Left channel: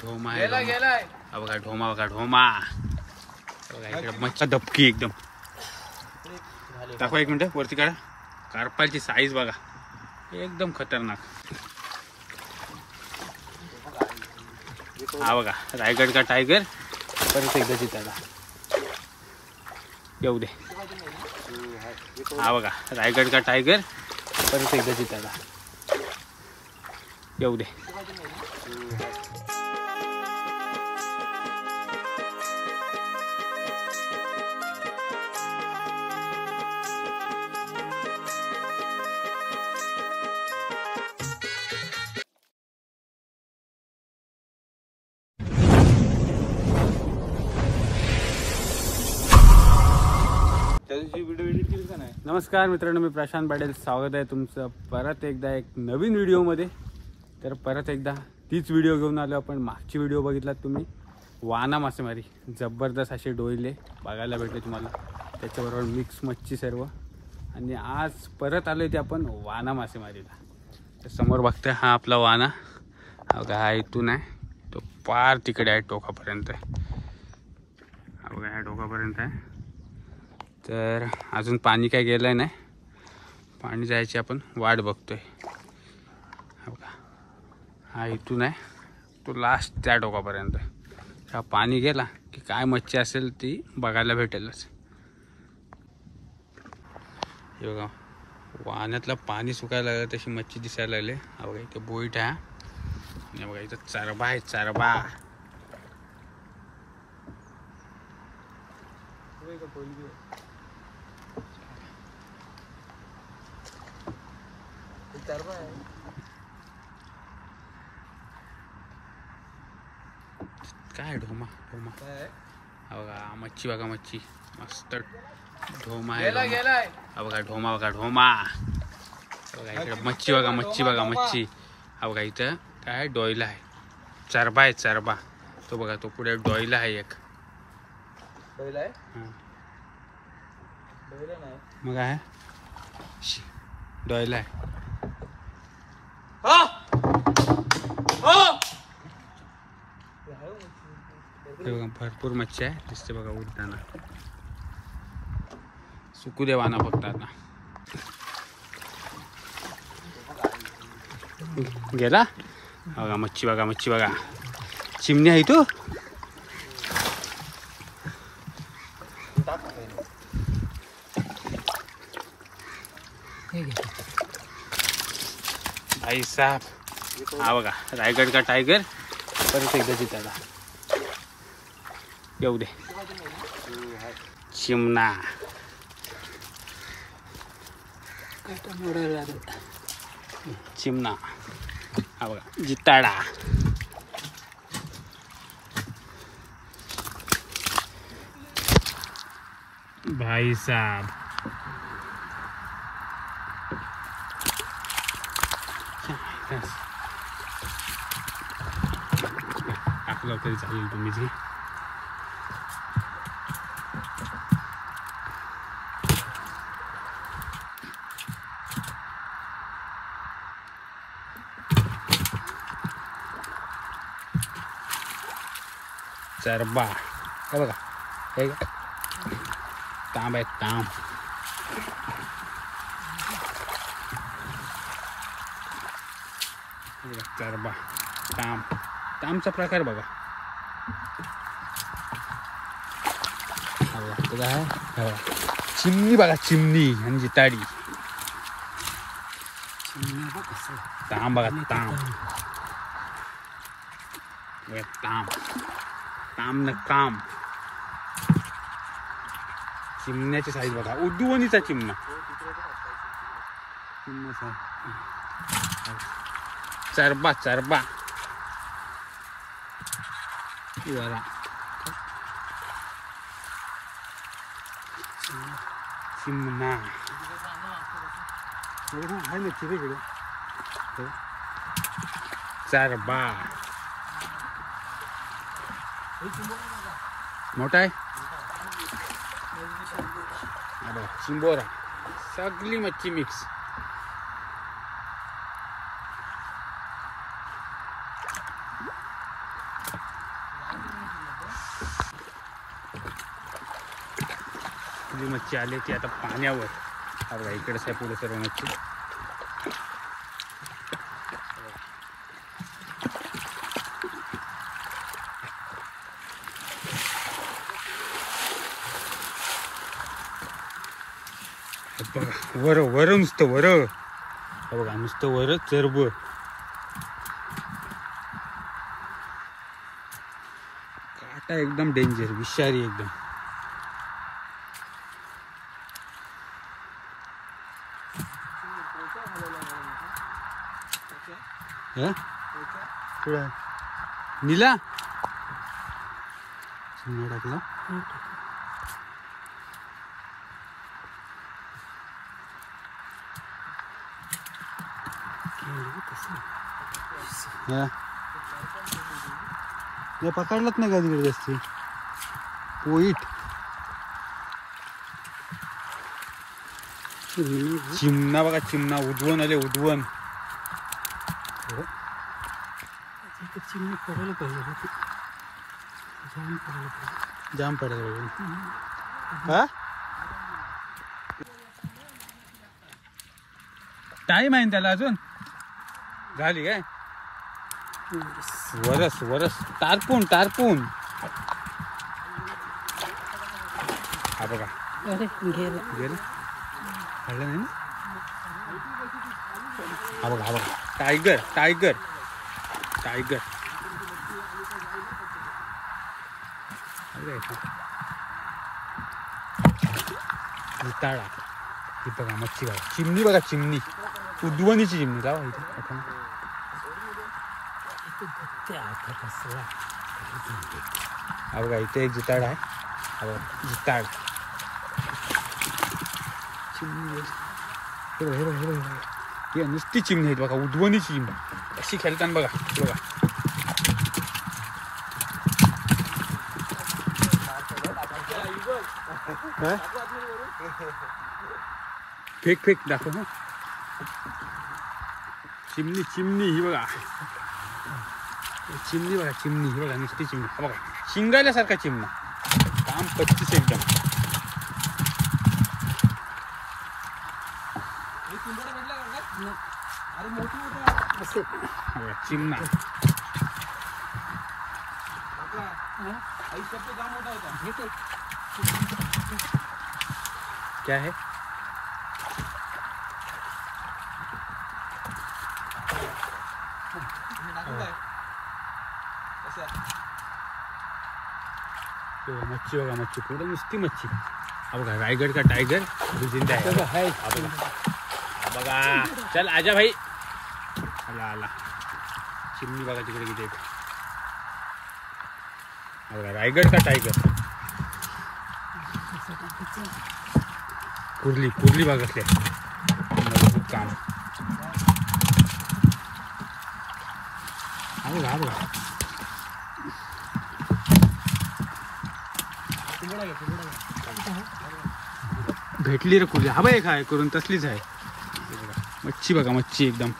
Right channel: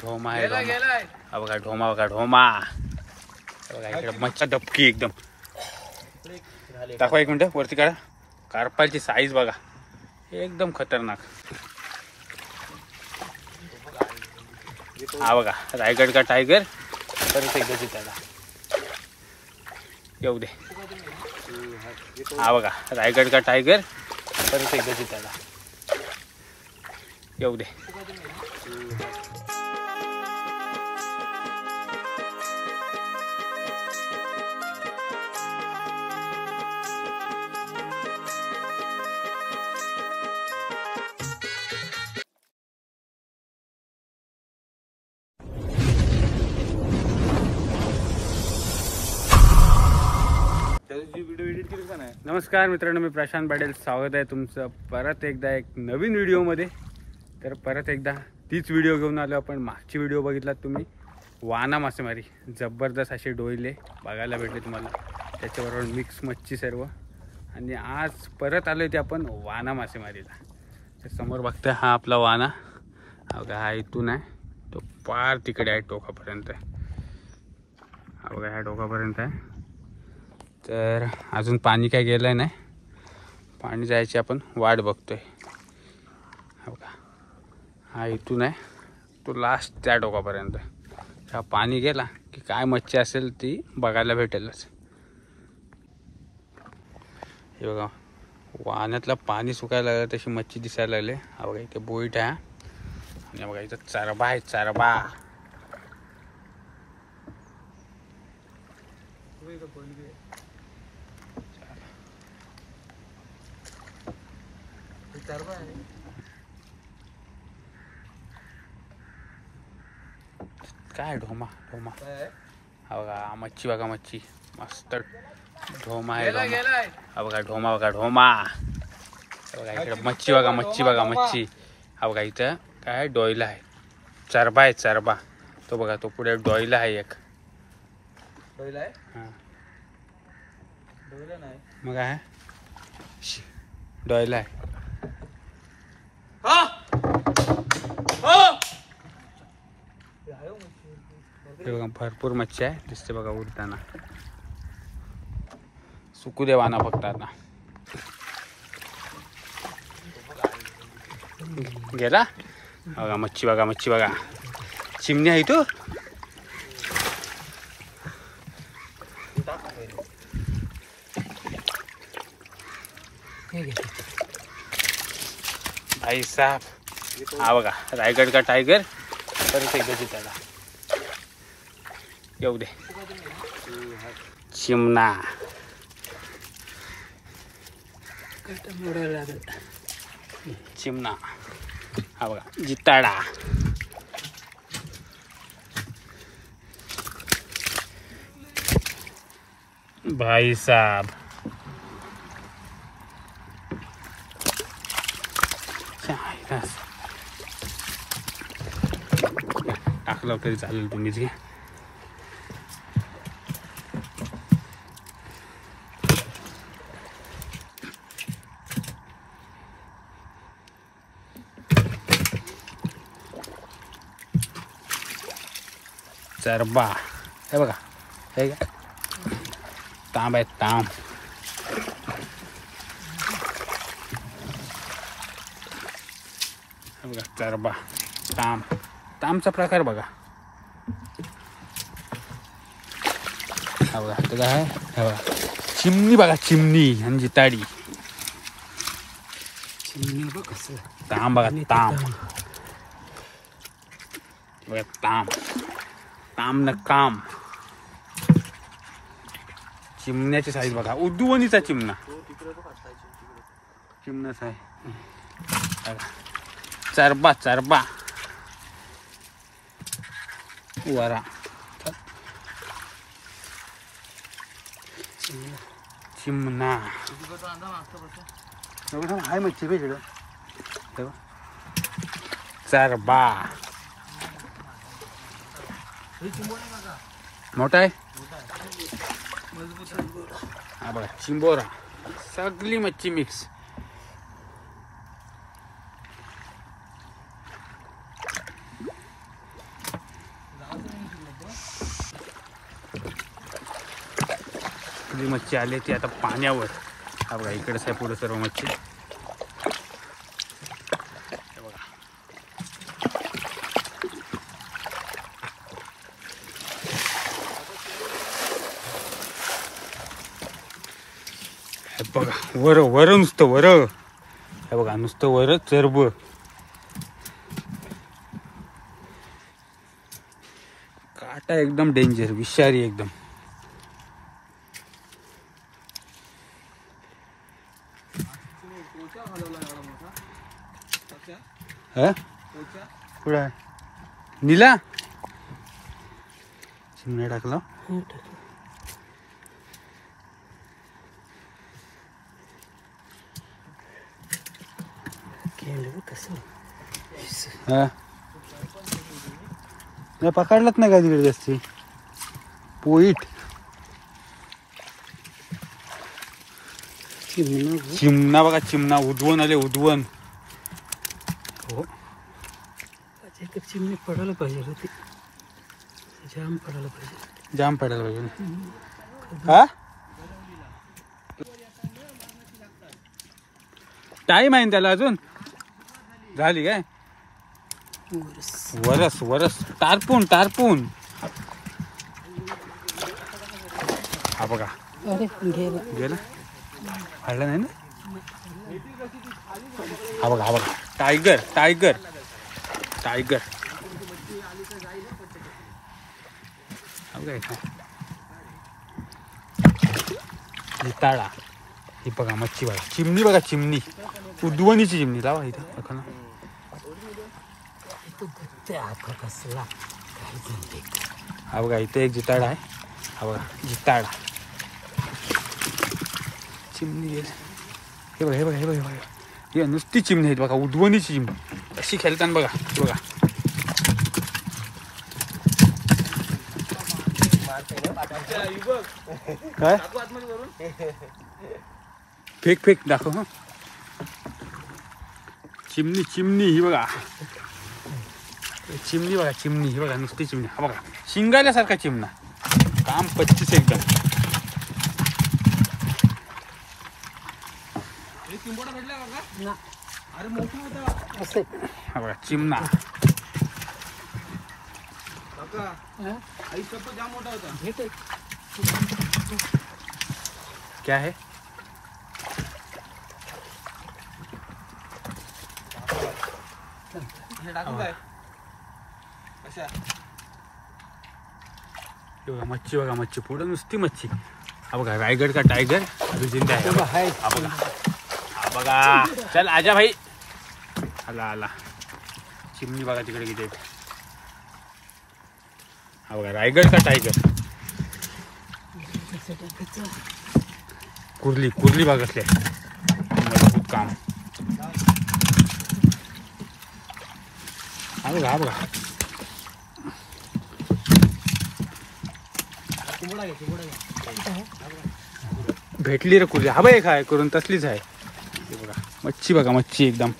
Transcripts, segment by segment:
ढोमा आहे हा बघा ढोमा बघा ढोमा बघा इकडे मच्छा धपकी एकदम दाखवा एक मिनिट वरती काढा कार्पालची साईज बघा एकदम खतरनाक हा बघा रायगड का टायगर परत एकदा चिताडा येऊ दे हा बघा रायगड का टायगर परत एकदा चिताडा येऊ दे नमस्कार मित्रांनो, मी प्रशांत पाटील. स्वागत आहे तुमचं परत एकदा एक नवीन व्हिडिओमध्ये. तर परत एकदा तीच व्हिडिओ घेऊन आलो आपण. मागची व्हिडिओ बघितलात तुम्ही, वाना मासेमारी जबरदस्त असे डोईले बघायला भेटले तुम्हाला, त्याच्याबरोबर मिक्स मच्छी सर्व. आणि आज परत आलो ते आपण वाना मासेमारीला. तर समोर बघताय हा आपला वाना, हा बघा हा इथून आहे तो पार तिकडे आहे टोकापर्यंत. हा बघा ह्या टोकापर्यंत आहे. तर अजून पाणी काय गेलं नाही, पाणी जायची आपण वाट बघतोय. हा बघा हा इथून आहे तो लास्ट त्या टोकापर्यंत. हा पाणी गेला की काय मच्छी असेल ती बघायला भेटेलच. हे बघा वाण्यातलं पाणी सुकायला लागलं तशी मच्छी दिसायला लागली. हा बघा इथे बोईट आहे आणि बघा इथं चरबा आहे चरबा. काय ढोमा ढोमा हा बघा मच्छी बघा मच्छी मस्त ढोमा आहे ढोमा. हा बघा ढोमा बघा ढोमा. बघा इकडे मच्छी बघा मच्छी बघा मच्छी. हा बघा इथं काय डोईला आहे चरबा आहे चरबा. तो बघा तो पुढे डोईला आहे एक. मग आहे डोईला आहे. बघा भरपूर मच्छी आहे दिसते बघा उडताना. सुकू दे वाना फक्त आता. गेला बघा मच्छी बघा मच्छी बघा. चिमणी आहे तू. भाई साहब हा बघा रायगड का टायगर परत एकदा चिताडा येऊ दे. चिमणा चिमणा हा बघा जिताडा. भाई साहब टाकलं तरी चालेल तुम्ही जे. चरबा हे बघा हे तांब आहे तांब. बघा चरबा तांब. तांबचा प्रकार बघा. हा बघा तो काय आहे हे बघा चिमणी बघा चिमणी आणि जिताडी. चिमणी बघा तांब बघा तांब बघा तांब तांब न काम. चिमण्याची साईज बघा उद्दुवणीचा चिमणा. चिमणा चरबा चरबा वरा चिमणा आहे मच्छी वेगळं चरबा मोठा आहे. हा बघा चिंबोरा सगळी मच्छी मिक्स. आपली मच्छी आली ती आता पाण्यावर. हा बघा इकडेच आहे पुढे सर्व मच्छी. बघा वर वर नुसतं वर. हे बघा नुसतं वर चरब. काटा एकदम डेंजर, विषारी एकदम. कुठं नीला चिमण्या टाकला. पकडलाच नाही काय तिकडे जास्त. पोईट चिमणा बघा, चिमणा उद्वन आले उद्वन. चिमणी पडायला पाहिजे होती, जाम पडायला पाहिजे, जाम पडायला पाहिजे. हा टाईम आहे त्याला अजून. झाली काय वरस वरस टारपून टारपून. हा बघा गेलं हल्ला नाही ना. हा बघा हा बघा टायगर टायगर टायगर. ताळा ही बघा मच्छी बघा. चिमणी बघा चिमणी, उद्वनीची चिमणी. लावा इथे. हा बघा इथे एक जिताड आहे. हा बघा जिताड चिमणी. हे बघा हे बघा हे बघा बघा हे नुसती चिमणी आहेत बघा, उद्वनीची चिमणी. कशी खेळताना बघा बघा. काय फेक फेक दाखव. हा चिमणी चिमणी ही बघा. चिमणी बघा चिमणी ही बघा नुसती चिमणी. हा बघा शिंगाल्यासारखा चिमणा. काम 25 एकदम. हा बघा चिमणा. क्या है मच्छी बघा मच्छी पुढे नुसती मच्छी. हा बघा रायगड का टायगर जिंदा आहे. हा बघा चल आजा भाई. आला आला. चिमणी बघा तिकडे किती. हा बघा रायगड का टायगर. कुर्ली कुर्ली भाग असले मजबूत काम. हा बघा हा बघा भेटली रे कुर्ली. हा बाई काय करून तसलीच आहे. बघा मच्छी बघा मच्छी एकदम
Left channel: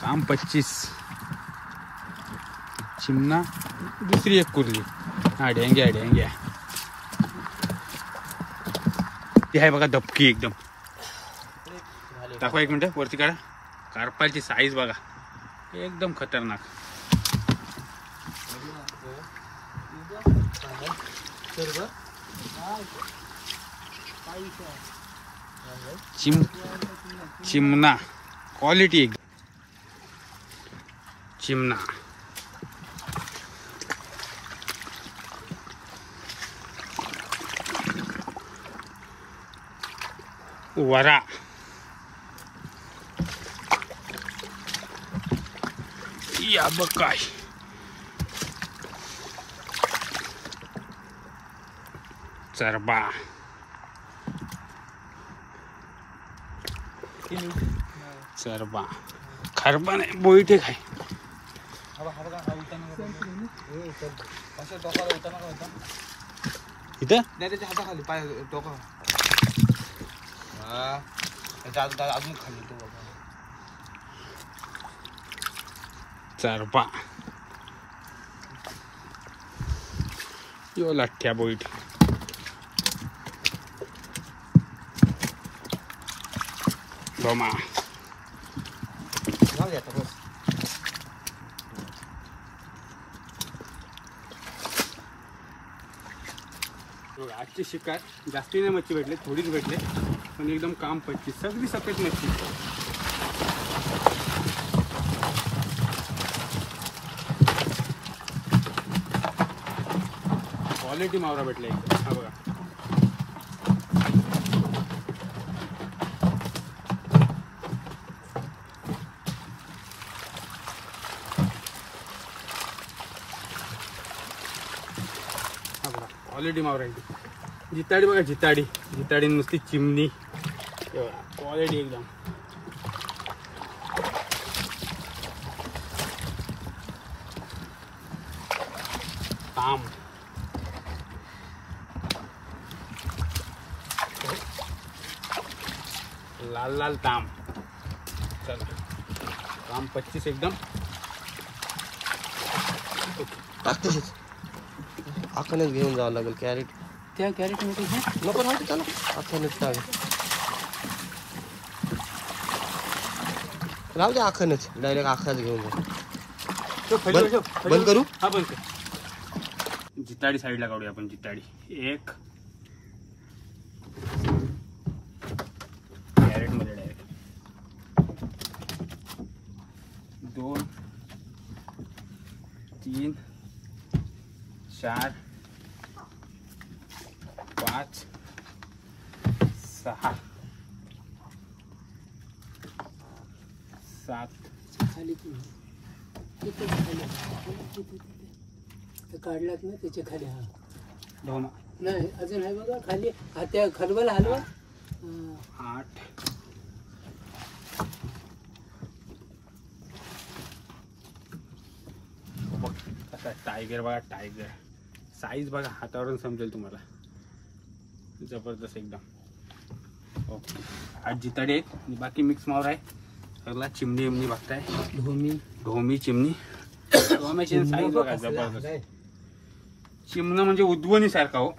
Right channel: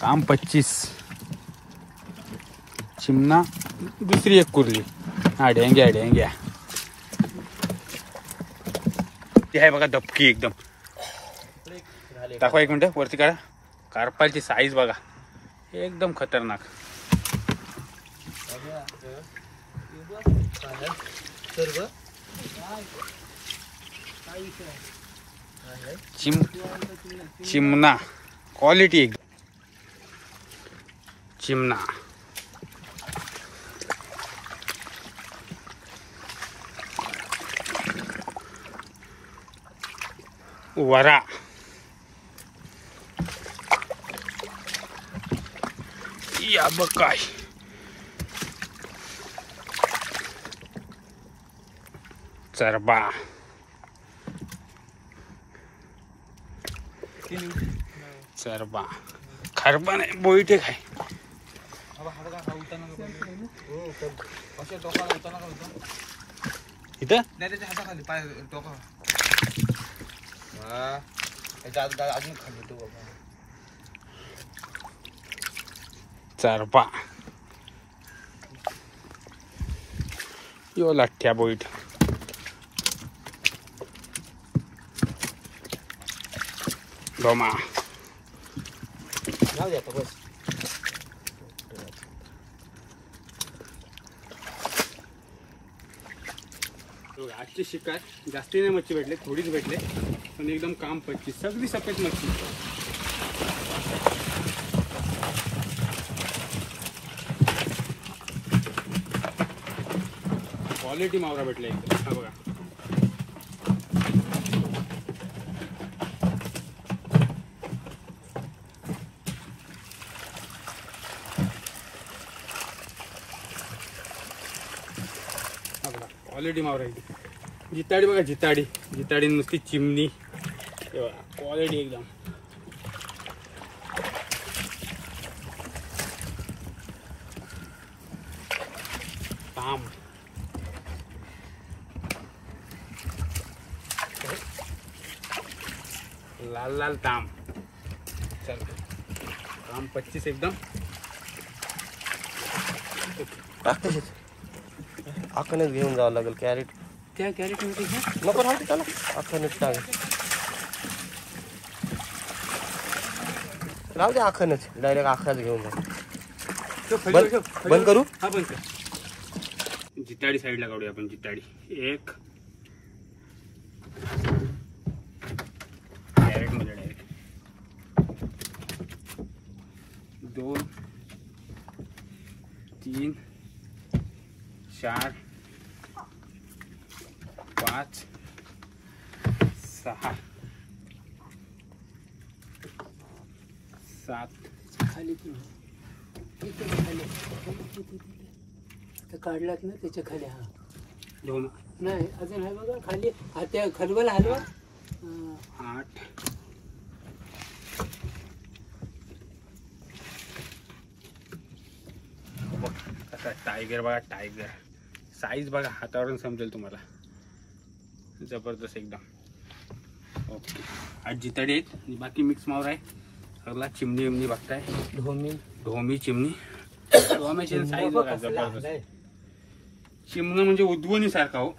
काम 25. चिमणा दुसरी एक कुर्ली. हा डेंग्या डेंग्या. ती आहे बघा दबकी एकदम. दाखवा एक मिनिट वरती काढा. कार्पालची साईज बघा एकदम खतरनाक. चिमणा क्वालिटी एकदम. चिमणा वरा. या बघ काय चरबा. चरबा खरबा नाही बोईटे काय. इथे चरबा यो लाठ्या बोईट. धोमा जाऊ दे आता बस. बघा, आजची शिकार जास्ती नाही मच्छी भेटले, थोडीच भेटले, पण एकदम काम पच्ची, सगळी सफेद मच्छी. क्वालिटी मावरा भेटला एकदम. हा बघा, क्वालिटी मावरा एकदम. जिताडी बघा, जिताडी, जिताडी नुसती चिमणी, क्वालिटी एकदम. ताम, लाल लाल ताम. चला, काम 25 एकदम. अख्खनच घेऊन जावं लागेल. कॅरेट त्या कॅरेटमध्ये घे. नको राहते त्याला. अख्खनच काय राहू दे. अख्खनच डायरेक्ट अख्खाच घेऊन जा. बंद करू. हा बंद कर. जिताडी साईडला काढूया आपण. जिताडी एक कॅरेट मध्ये डायरेक्ट. 2 3 4 5 6 7. खाली खाली काढलात ना त्याच्या खाली. हा धोमा नाही अजून आहे बघा खाली. हा त्या खलबला हलवा. 8 कसा टायगर बघा. टायगर साईज बघा, हातावरून समजेल तुम्हाला. जबरदस्त एकदम. ओके, आज जिताडी आहेत आणि बाकी मिक्स मावर आहे. सगळा चिमणी विमणी बघताय. ढोमी ढोमी चिमणी. ढोम्याची साईज बघा जबरदस्त. चिमणं म्हणजे उद्वणी सारखा हो.